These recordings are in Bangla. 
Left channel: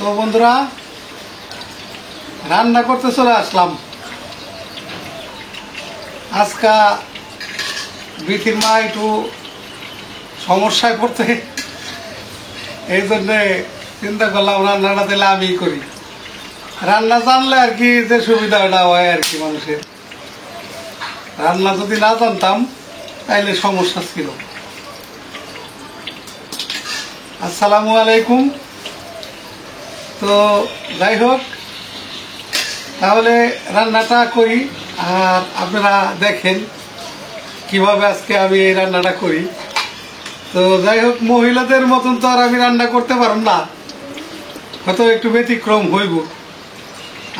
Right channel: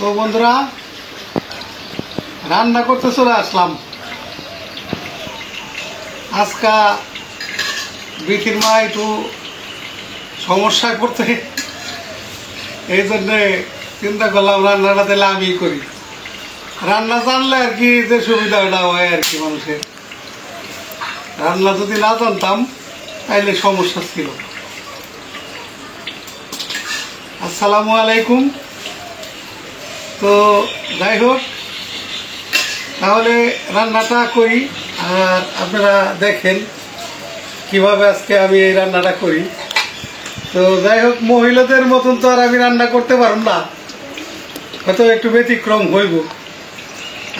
তো বন্ধুরা, রান্না করতে চলে আসলাম। আজকা বিকির মা একটু সমস্যায় পড়তে, এই জন্য চিন্তা করলাম রান্নাটা দিলে আমি করি। রান্না জানলে আর কি যে সুবিধাটা হয় আর কি মানুষের। রান্না যদি না জানতাম তাইলে সমস্যা ছিল। আসসালামু আলাইকুম। তো যাই হোক, তাহলে রান্নাটা করি আর আপনারা দেখেন কিভাবে আজকে আমি এই রান্নাটা করি। তো যাই হোক, মহিলাদের মতন তো আর আমি রান্না করতে পারব না, হয়তো একটু ব্যতিক্রম হইব,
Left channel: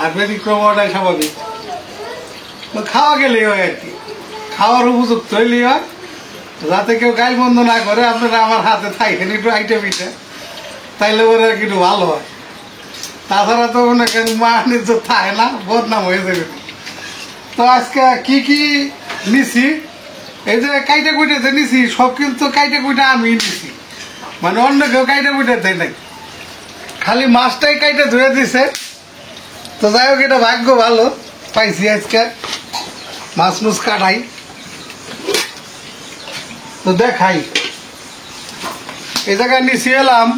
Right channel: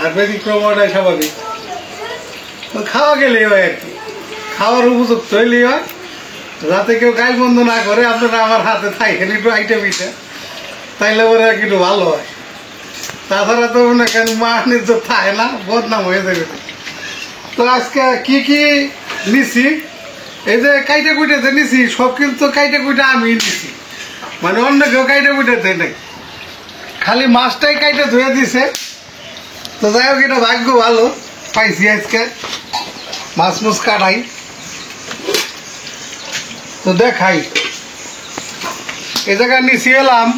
আর ব্যতিক্রম হওয়াটাই স্বাভাবিক। তো খাওয়া গেলেই হয় আর কি, খাওয়ার উপযুক্ত হইলেই হয়, যাতে কেউ গায়ে বন্ধ না করে। আপনারা আমার হাতে থাকেন একটু আইটেম ইটে, তাইলে ওরা একটু ভালো হয়। তাছাড়া তো মনে করেন মানের তো থাকে না, বদনাম হয়ে যাবে। তো আজকে কি কি নিছি, এই যে কাইটা কুইটাতে নিছি, সব কিন্তু কাইটা কুইটা আমি নিছি, মানে অন্য কেউ কাইটা কুইটাতে নাই, খালি মাছটাই কাইটা ধুয়ে দিছে। তো যাই হোক, এটা ভাগ্য ভালো পাইছি আজকে মাছ মুছ কাটাই। তো দেখাই, এ জায়গায় নিছি এলাম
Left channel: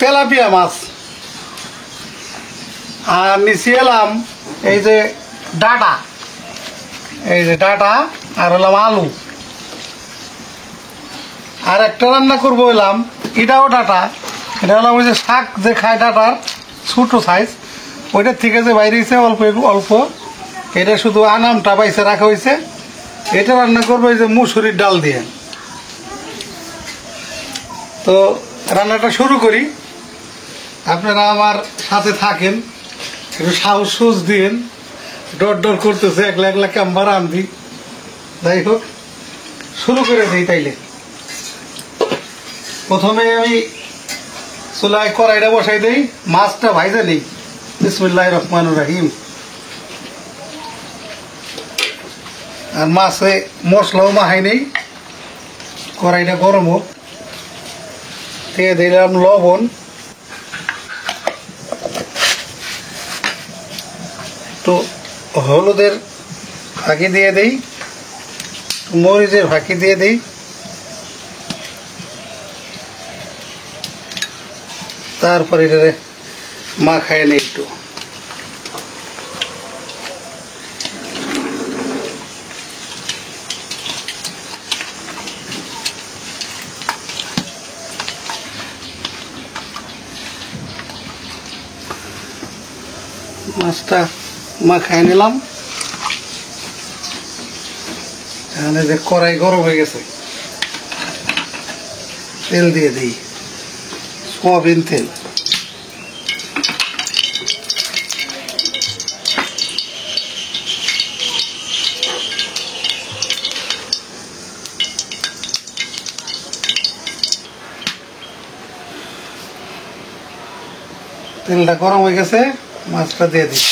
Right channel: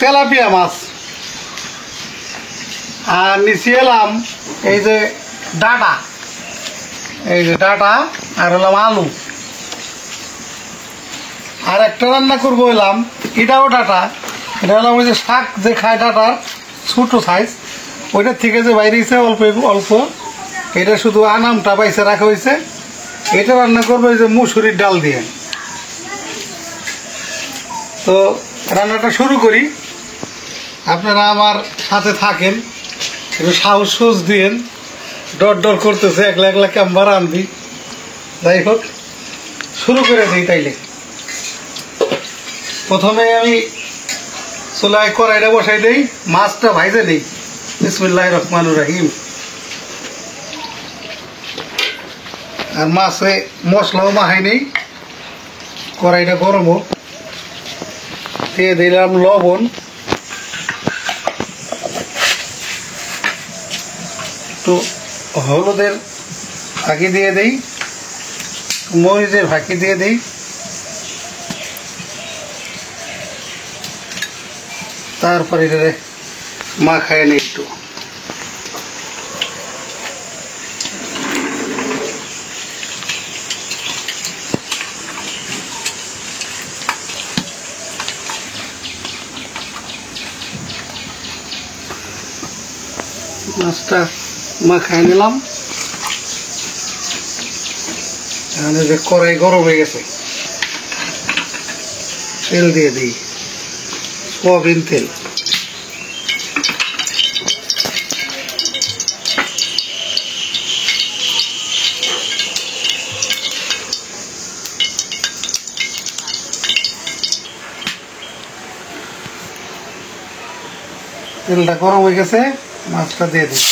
তেলাপিয়া মাছ, আর নিচে এলাম এই যে ডাটা, এই যে ডাটা, আর হলাম আলু। আর একটা রান্না করবো এলাম, এটাও ডাটা, এটা হলাম ওই যে শাক যে খায় ডাটার ছোট সাইজ, ওইটার থেকে যে বাইরে অল্প অল্প, এটা শুধু আনামটা পাইছে রাখা হয়েছে। এটা রান্না করবো এই যে মুসুরির ডাল দিয়ে। তো রান্নাটা শুরু করি, আপনারা আমার সাথে থাকেন, একটু সাহস দিয়েন। ডর ডর করতেছে, একলা একলা কেমন রান্ধি। যাই হোক, শুরু করে দিই তাইলে। প্রথমে আমি চুলায় কড়াইটা বসাই দেই, মাছটা ভাইজে দিই। বিসমিল্লাহির রহমানির রহিম। আর মাছে মশলাও মাখাই নেই, কড়াইটা গরম হোক। দিয়ে দিলাম লবণ, তো হলুদের ফাঁকি দিয়ে দেই, মরিচের ফাঁকি দিয়ে দেই, তারপরে মাখায় নেই একটু। মাছটা মাখায় নিলাম। এখন এই যে কড়াই গরম হয়ে গেছে, তেল দিয়ে দিই, সয়াবিন তেল। তেলটা গরম হয়ে গেছে, মাছটা দিয়ে দিই।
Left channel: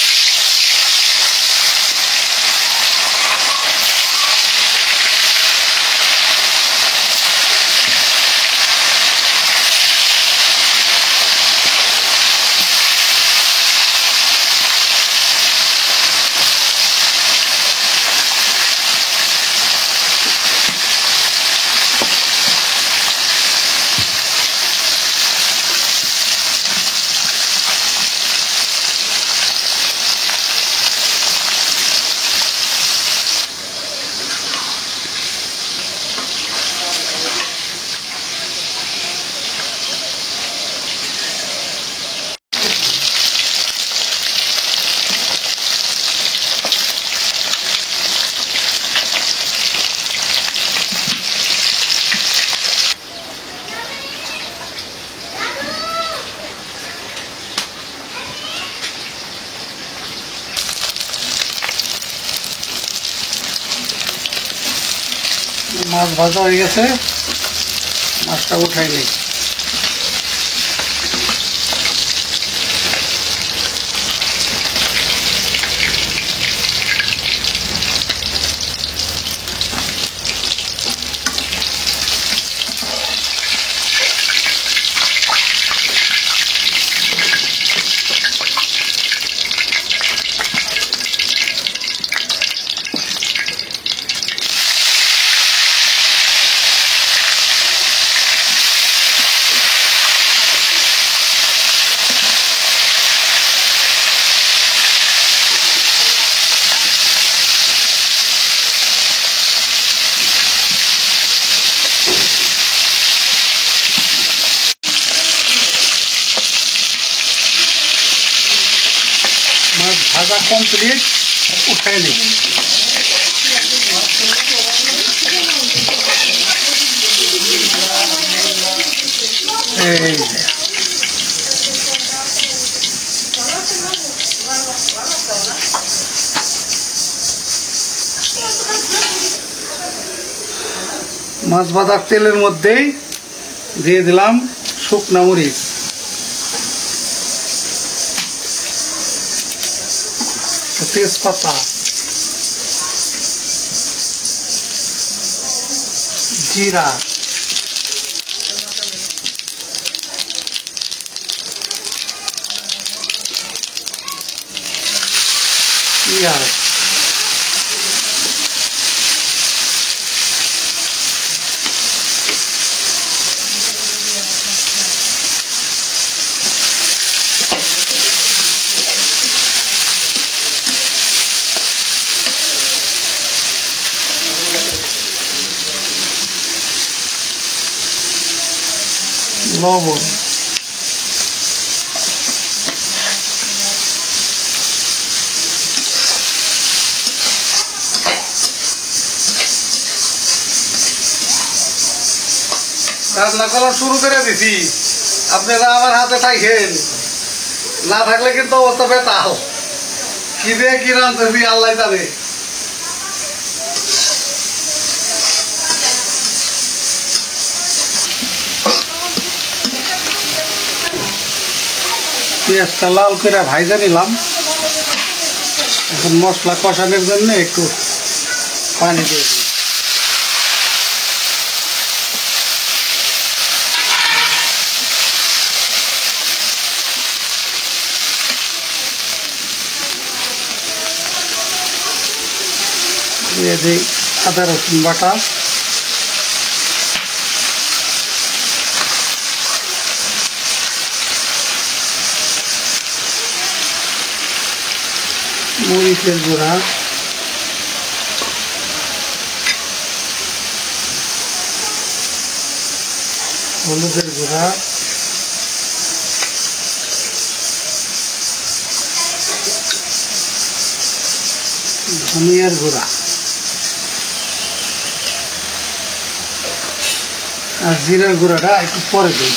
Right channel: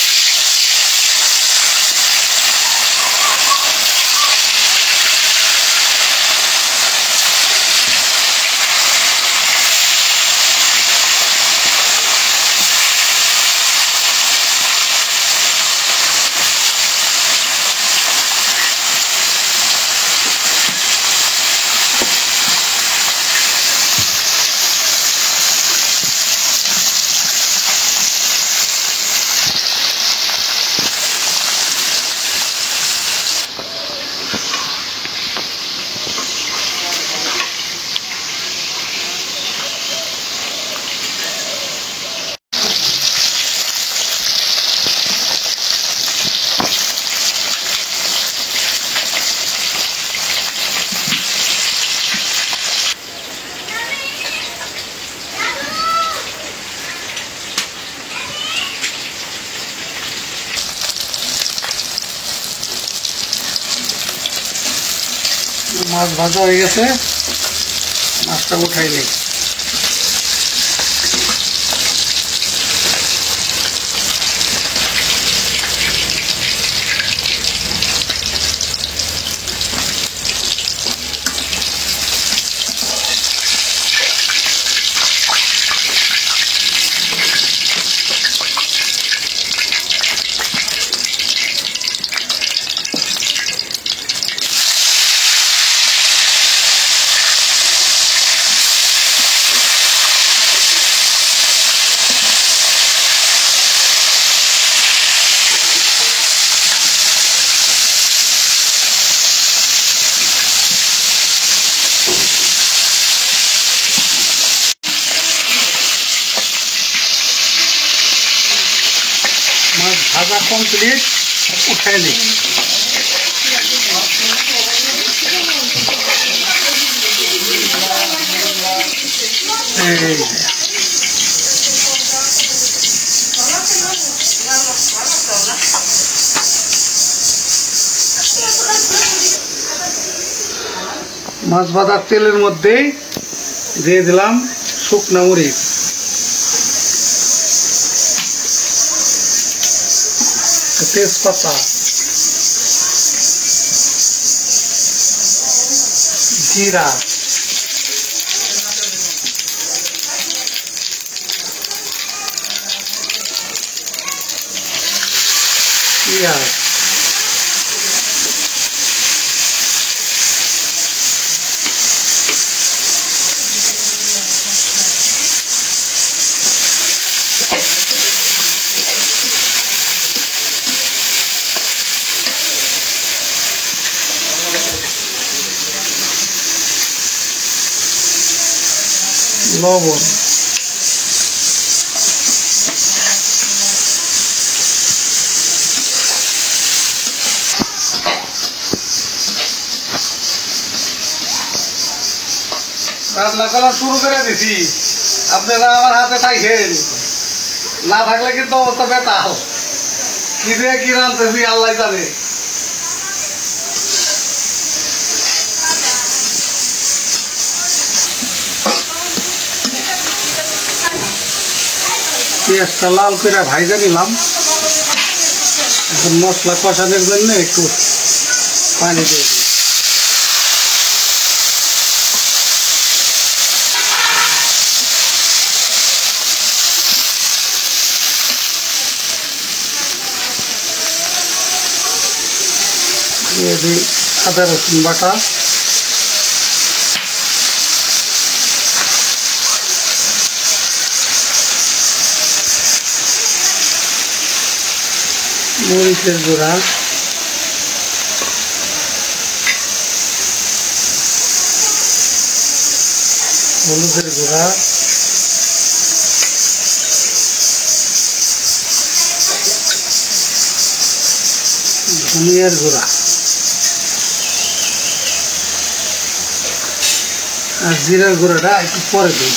মাছ ভাজা হয়ে গেছে, মাছটা উঠাই নিই। মাছ ভাজা কমপ্লিট, উঠাই নিই। মাছ ভাজার তেলের মধ্যেই দিয়ে দিলাম শুকনা মরিচ, তেজপাতা, জিরা, পেঁয়াজ, লবণ, রান্না করা শুরু করে দিছি। আপনারা আমার হাতে থাকেন, না থাকলে কিন্তু অবস্থা বেতাল। কি দিয়ে কি রাঁধতেছি আল্লাহ জানে। পেঁয়াজটা লাল করে ভাইজা নিলাম। এখন মশলা কষানোর জন্য একটু পানি দিয়ে দিই। দিয়ে দিই আদা রসুন বাটা, মরিচের গুঁড়া, হলুদের গুঁড়া, ধনিয়ার গুঁড়া আর জিরার গুঁড়াটা একটু পরে দিই।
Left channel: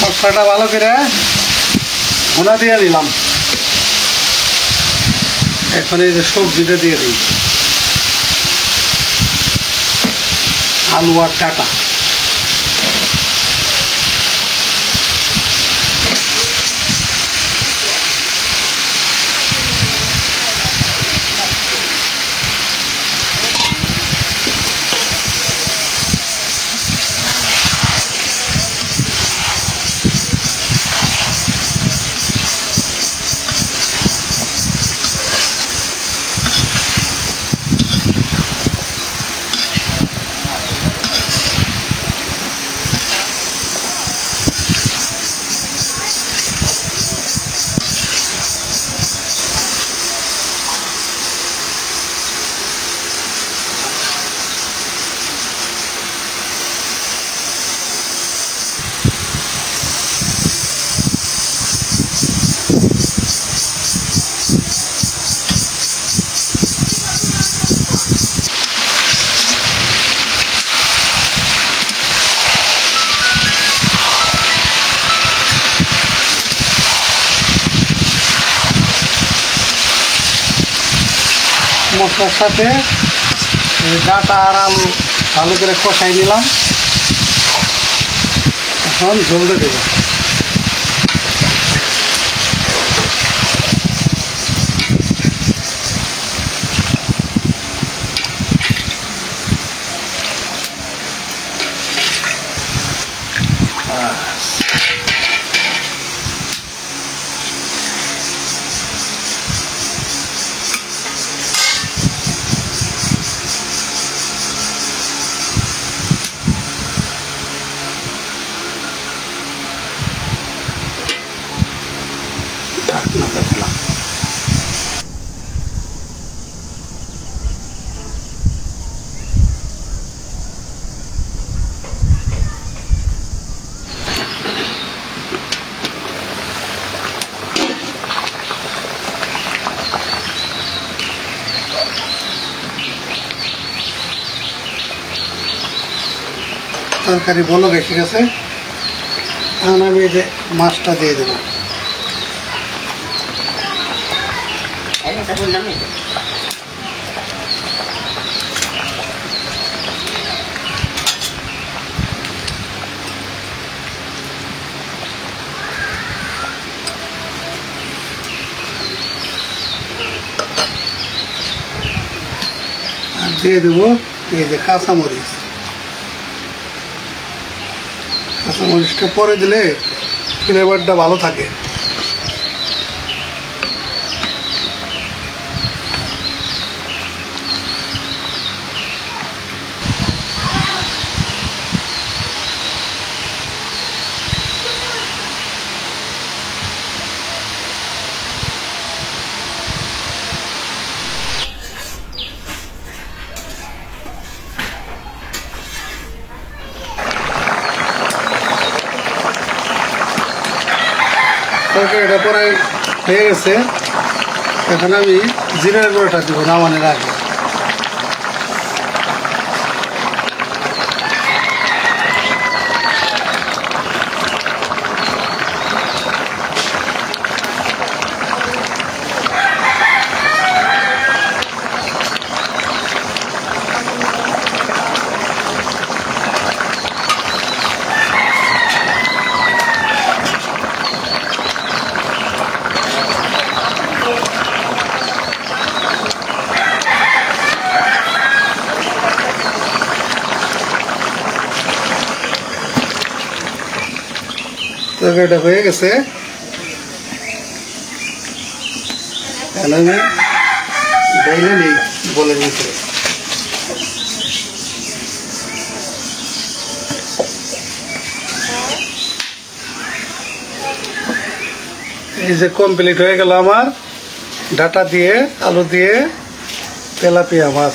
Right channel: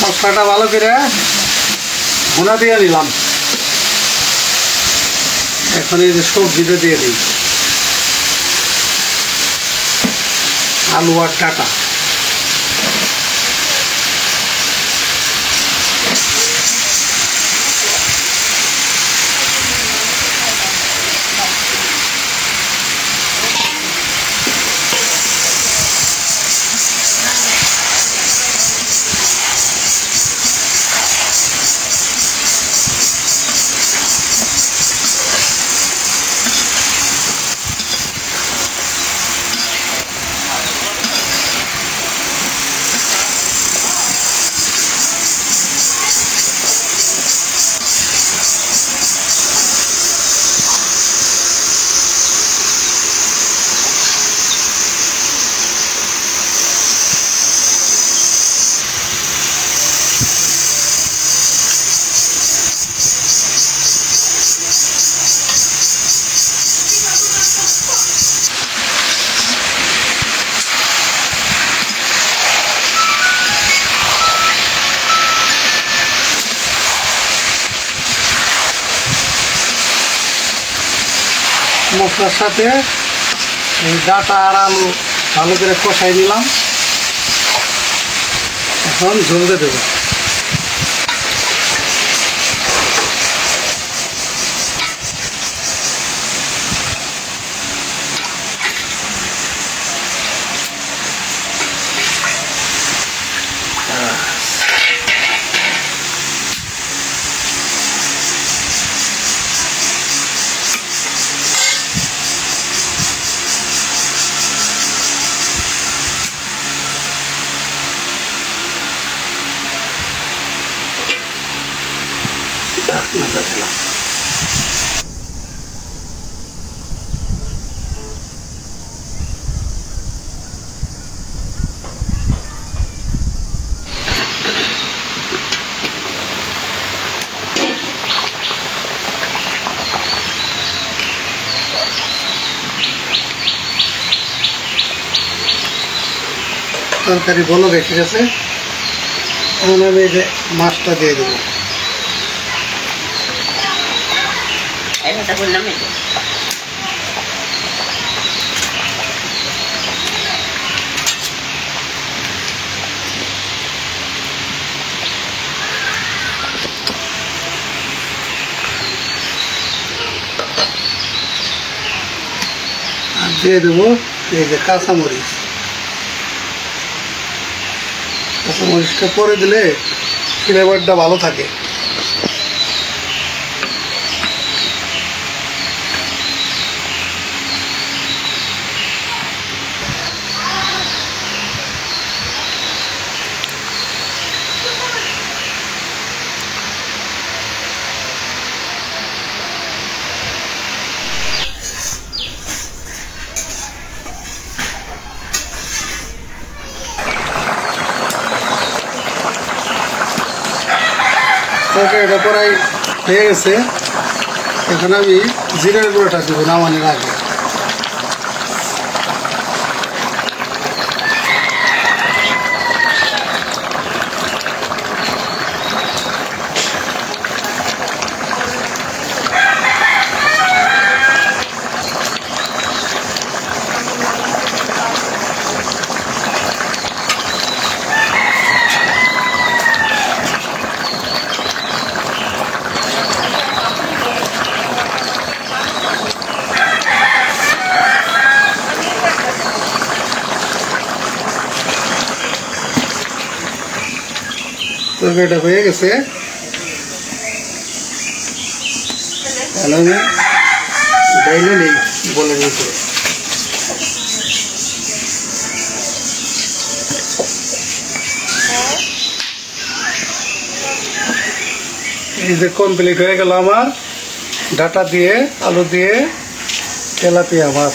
মশলাটা ভালো করে ভুনা দিয়ে দিলাম। এখন এই যে সবজিটা দিয়ে দিই, আলু আর ডাঁটা। মশলার সাথে ডাটা আর আলু ভালো করে কষাই দিলাম। এখন ঝোল দিয়ে দেবো। তরকারি বলক এসে গেছে, এখন আমি এই যে মাছটা দিয়ে দেবো। আর দিয়ে দেবো এই যে কাঁচামরিচ। কাঁচামরিচটা পরে দিলে ফ্লেভারটা ভালো থাকে। তরকারিটা প্রায় হয়ে গেছে, এখন আমি জিরার গুঁড়োটা দিব নামানোর আগে। তরকারিটা হয়ে গেছে, তাহলে আমি ডাইলে নেই বলে মতো। এই যে কমপ্লিট হয়ে গেল আমার ডাটা দিয়ে আলু দিয়ে তেলাপিয়া মাছ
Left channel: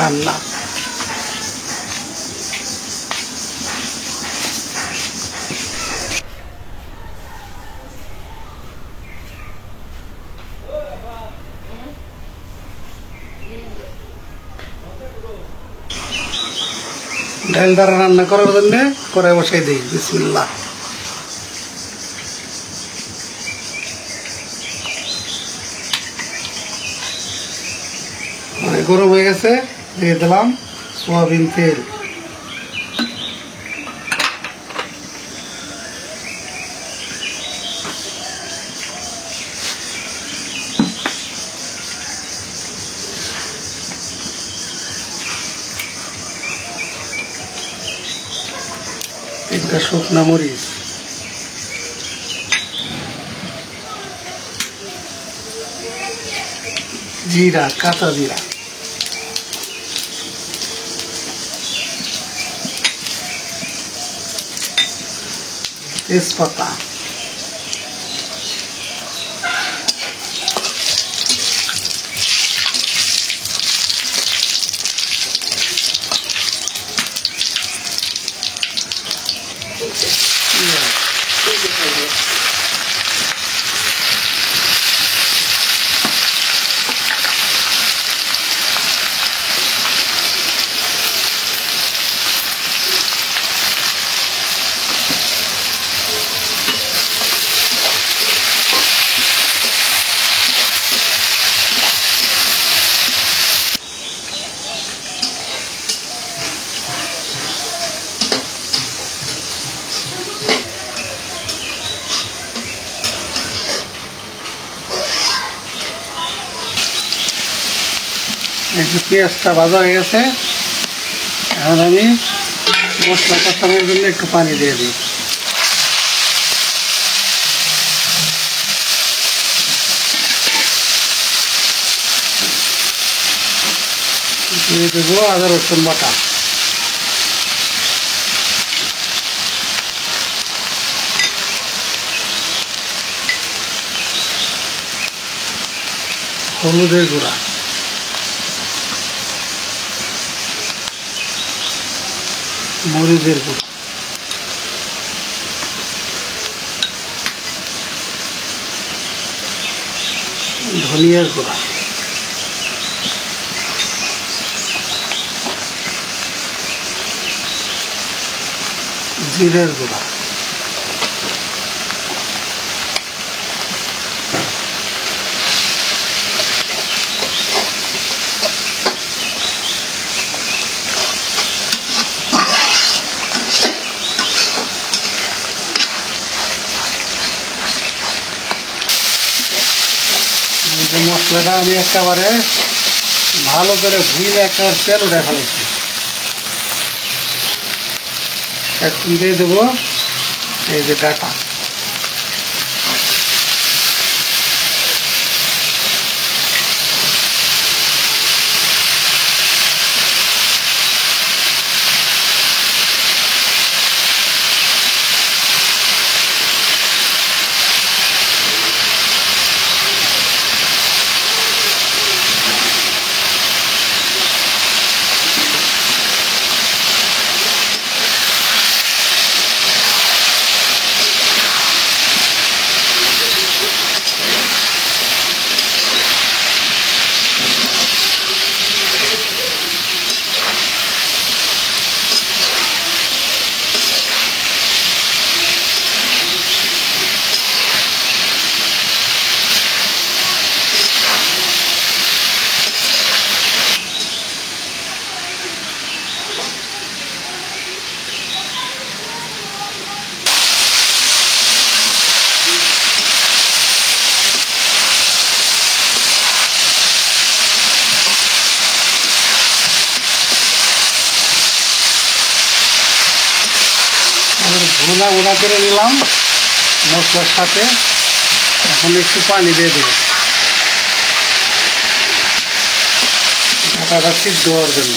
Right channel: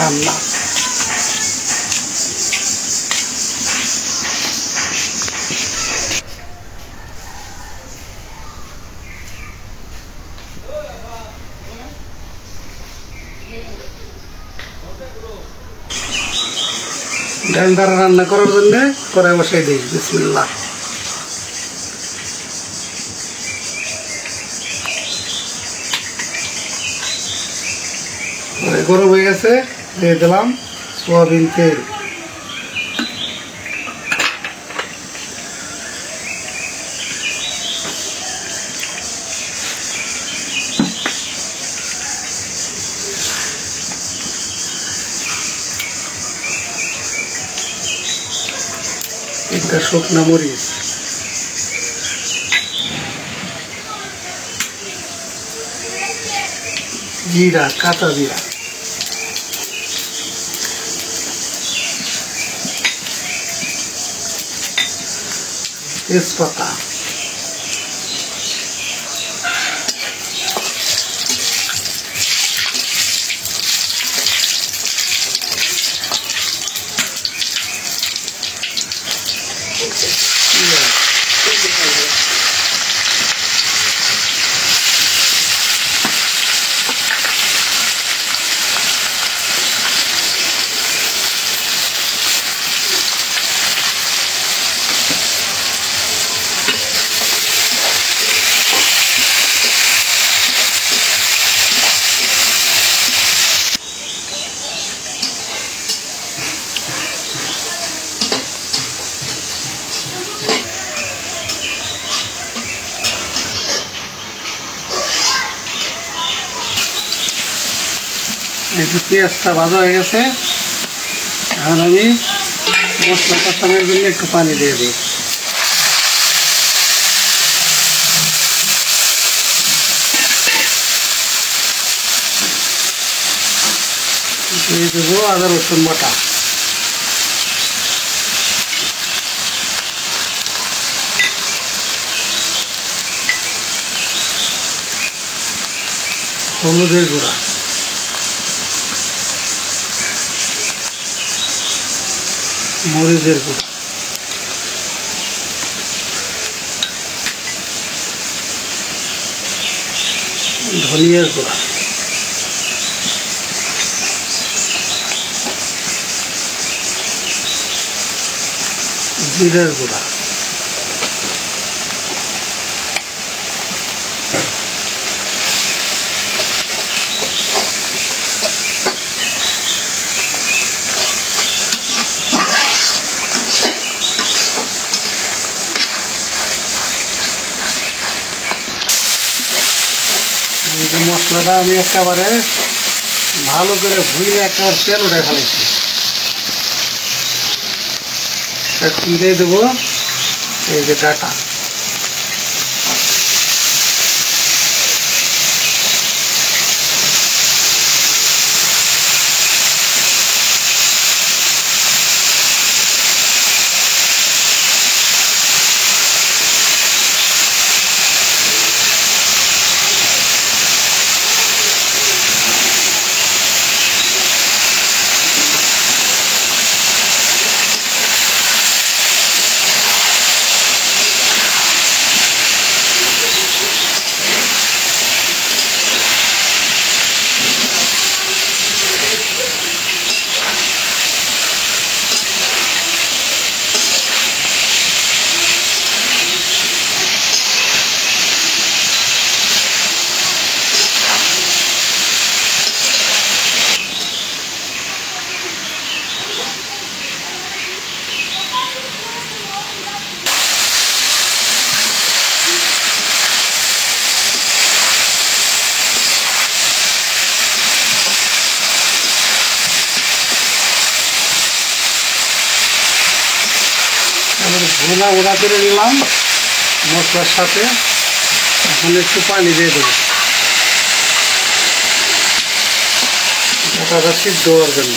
রান্না। ডাল দ্বারা রান্না করার জন্য কড়াই বসাই দিই। বিসমিল্লাহ। গরম হয়ে গেছে, দিয়ে দিলাম সোয়াবিন তেল। একটা শুকনা মরিচ, জিরা, কাঁচা জিরা, তেজপাতা, পেঁয়াজটা ভাজা হয়ে গেছে। এখন আমি মশলা কষানোর জন্য একটু পানি দিয়ে দিই। দিয়ে দেবো আদা রসুন বাটা, হলুদের গুঁড়া, মরিচের গুঁড়া, ধনিয়ার গুঁড়া, জিরার গুঁড়া, মশলাটা আমি একেবারে ভালো করে ধুয়ে একবার তেল উঠে ফেলেছি। এখন দিয়ে দেবো এই যে ডাটা, ভুনা ভুনা করে নিলাম মশলার সাথে। এখন একটু পানি দিয়ে দেবো ডাটাটা সিদ্ধ হওয়ার জন্য।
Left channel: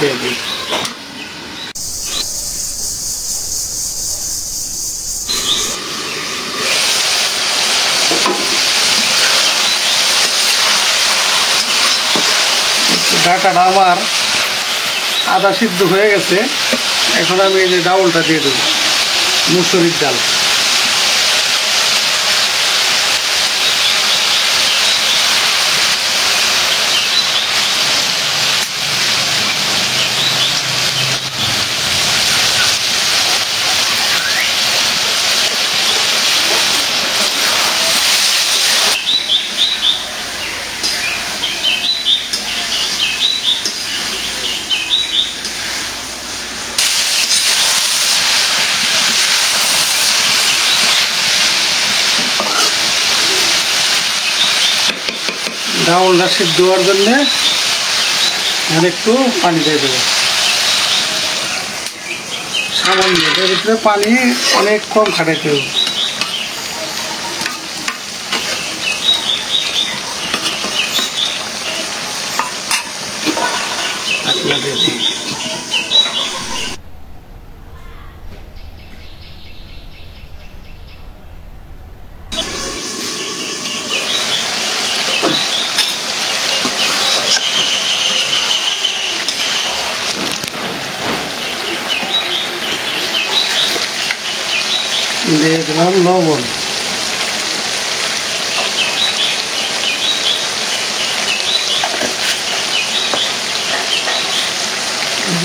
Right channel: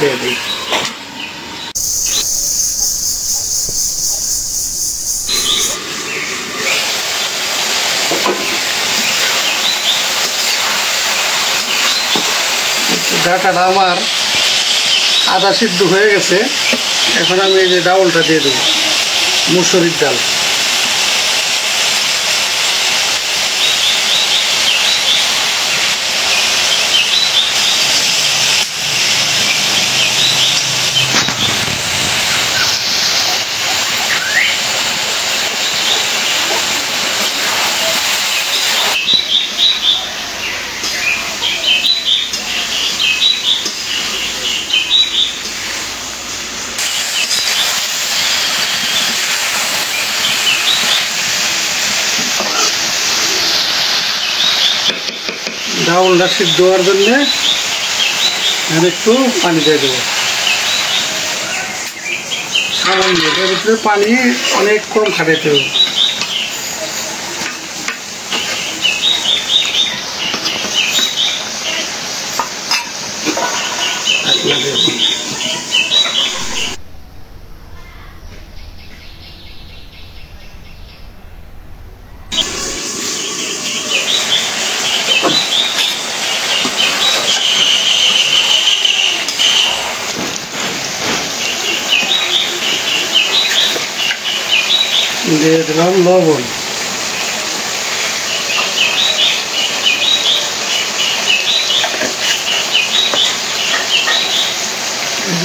দিয়ে দিই। ডাটাটা আমার আধা সিদ্ধ হয়ে গেছে। এখন আমি এই যে ডাউলটা দিয়ে দেবো, মুসুরির ডাল। ডাউলটা সিদ্ধ হওয়ার জন্যে আর একটু পানি দিয়ে দেবো সামান্য। এটার ভিতরে পানি অনেক কম খাটাইতে হবে। দিয়ে দিলাম লবণ,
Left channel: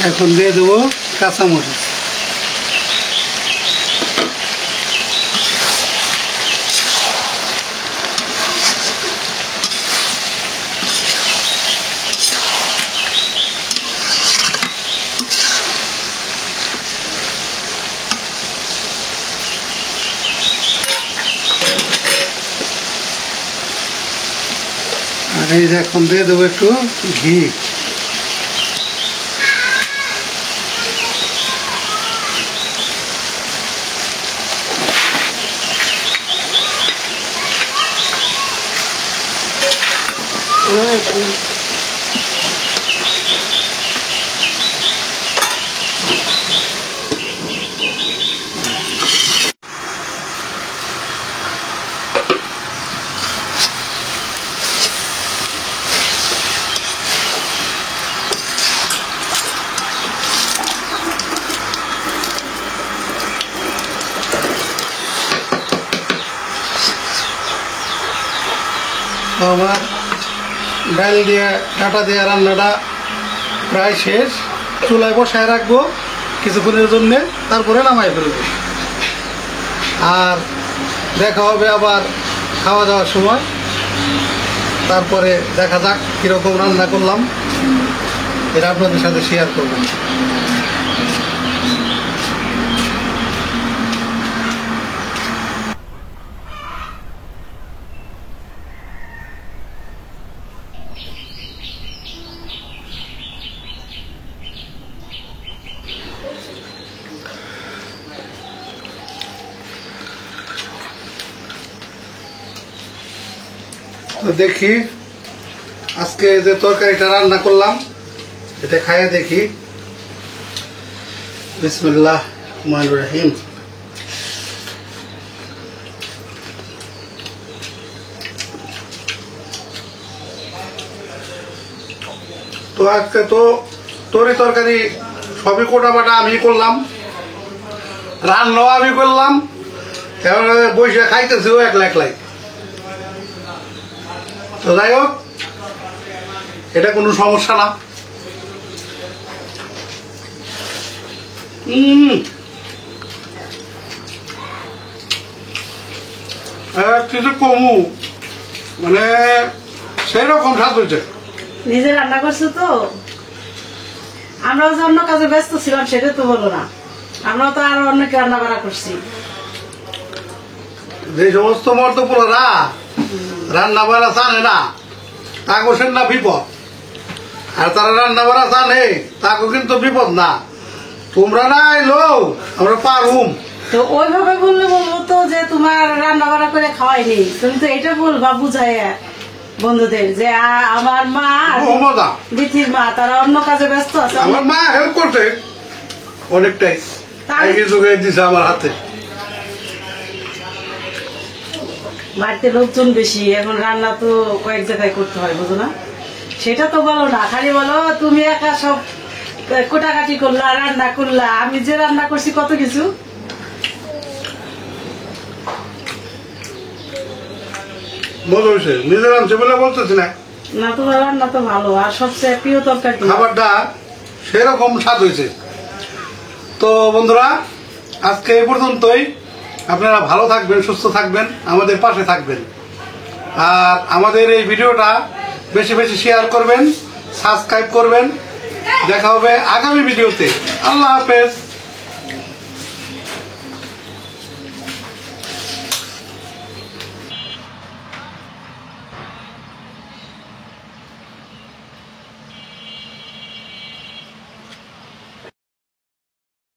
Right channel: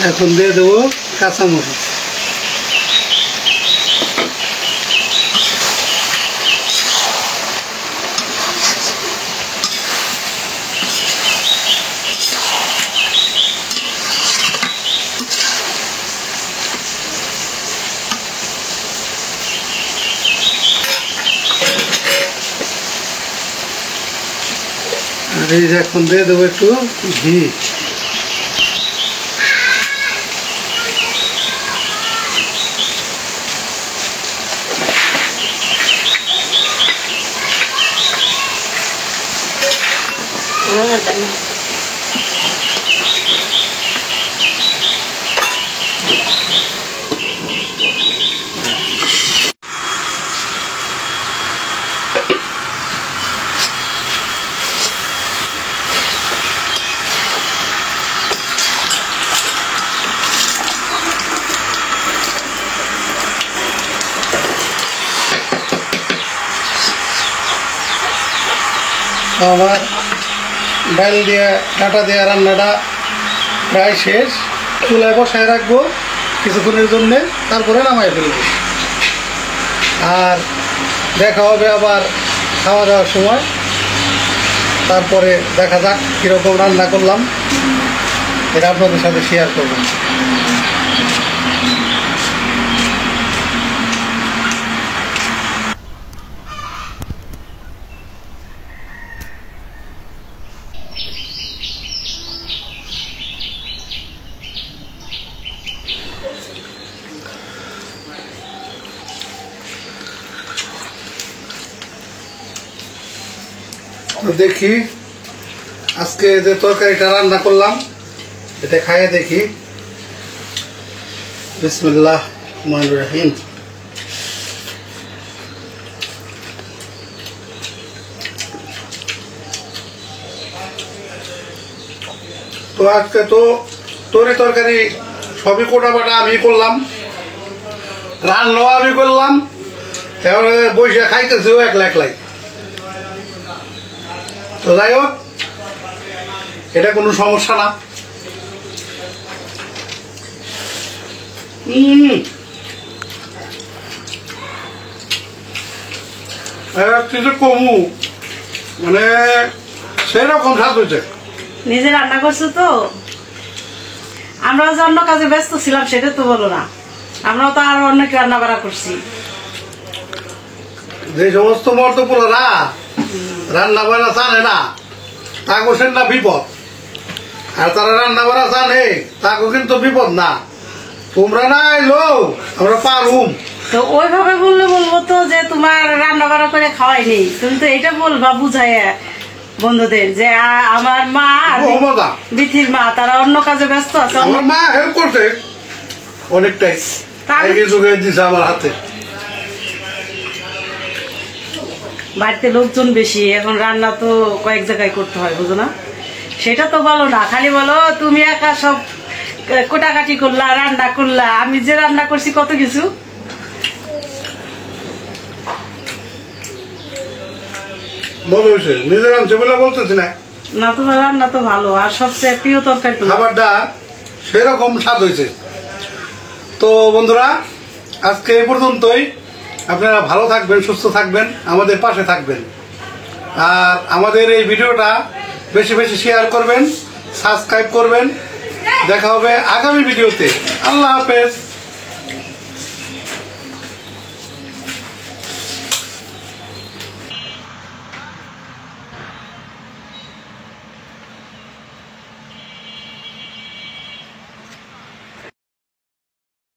এখন দিয়ে দেবো কাঁচামরিচ, আর এই যে এখন দিয়ে দেবো একটু ঘি। আমার ডাল দিয়ে ডাটা দিয়ে রান্নাটা প্রায় শেষ। চুলায় বসায় রাখবো কিছুক্ষণের জন্যে, তারপরে নামাই ফেলবো। আর দেখা হবে আবার খাওয়া দাওয়ার সময়। তারপরে দেখা যাক কীরকম রান্না করলাম, এটা আপনাদের সাথে শেয়ার করবো। তো দেখি আজকে যে তরকারিটা রান্না করলাম এটা খাইয়ে দেখি। বিসমিল্লাহ রহমানির রহিম। তো আজকে তো তরকারি সবই কোটা বাটা আমি করলাম, রান্নাও আমি করলাম, এবারে বসে খাইতেছিও একলাই। তো যাই হোক, এটা কোনো সমস্যা না। কিছু কমু মানে সেই রকম স্বাদ হয়েছে। নিজে রান্না করছো তো, আমরাও যে অন্য কাজে ব্যস্ত ছিলাম সেটা তো বলো না, আমরাও তো আরো অন্য কি রান্না বাড়া করছি। যে সমস্ত মর্দপুরা রান্না বাড়া জানে না তাকে সেন না বিপদ, আর তারা রান্না বাড়া জানে তাকে কিন্তু বিপদ না। তোমরা না এলো আমরা পারুম। তো ওইভাবে বললে বলবো তো যে তোমার রান্না বাড়া করে খাওয়াই নেই, তুমি তো এটা বলবা বুঝাই বন্ধুদের যে আমার মা বিথির মা তারা অন্য কাজে ব্যস্ত আছে। আমার মা হেল্প করছে অনেকটাই, দিছে আমার হাতে। বাড়িতে লোকজন বেশি, এখন রান্না তো কয়েক জায়গায় করতে হয়, বুঝো না? সেটা তো বলো না, খালি বলো তুমি একা সব কোটাকাটি করলা, রান্না করলা। আমি যে রান্না করছি কত কিছু। নিজের আনছে বলে বলতেছি না, না তোমার রান্না তো ভালো, আর সবচেয়ে প্রিয় তরকারি খাবারটা সেরকম স্বাদ হয়েছে। তো বন্ধুরা আজকে এই পর্যন্তই। আপনারা ভালো থাকবেন, সুস্থ থাকবেন, আমাদের পাশে থাকবেন, আর আমাদের এই ভিডিওটা বেশি বেশি শেয়ার করবেন, সাবস্ক্রাইব করবেন। দেখা হবে আগামী ভিডিওতে। আল্লাহ হাফেজ।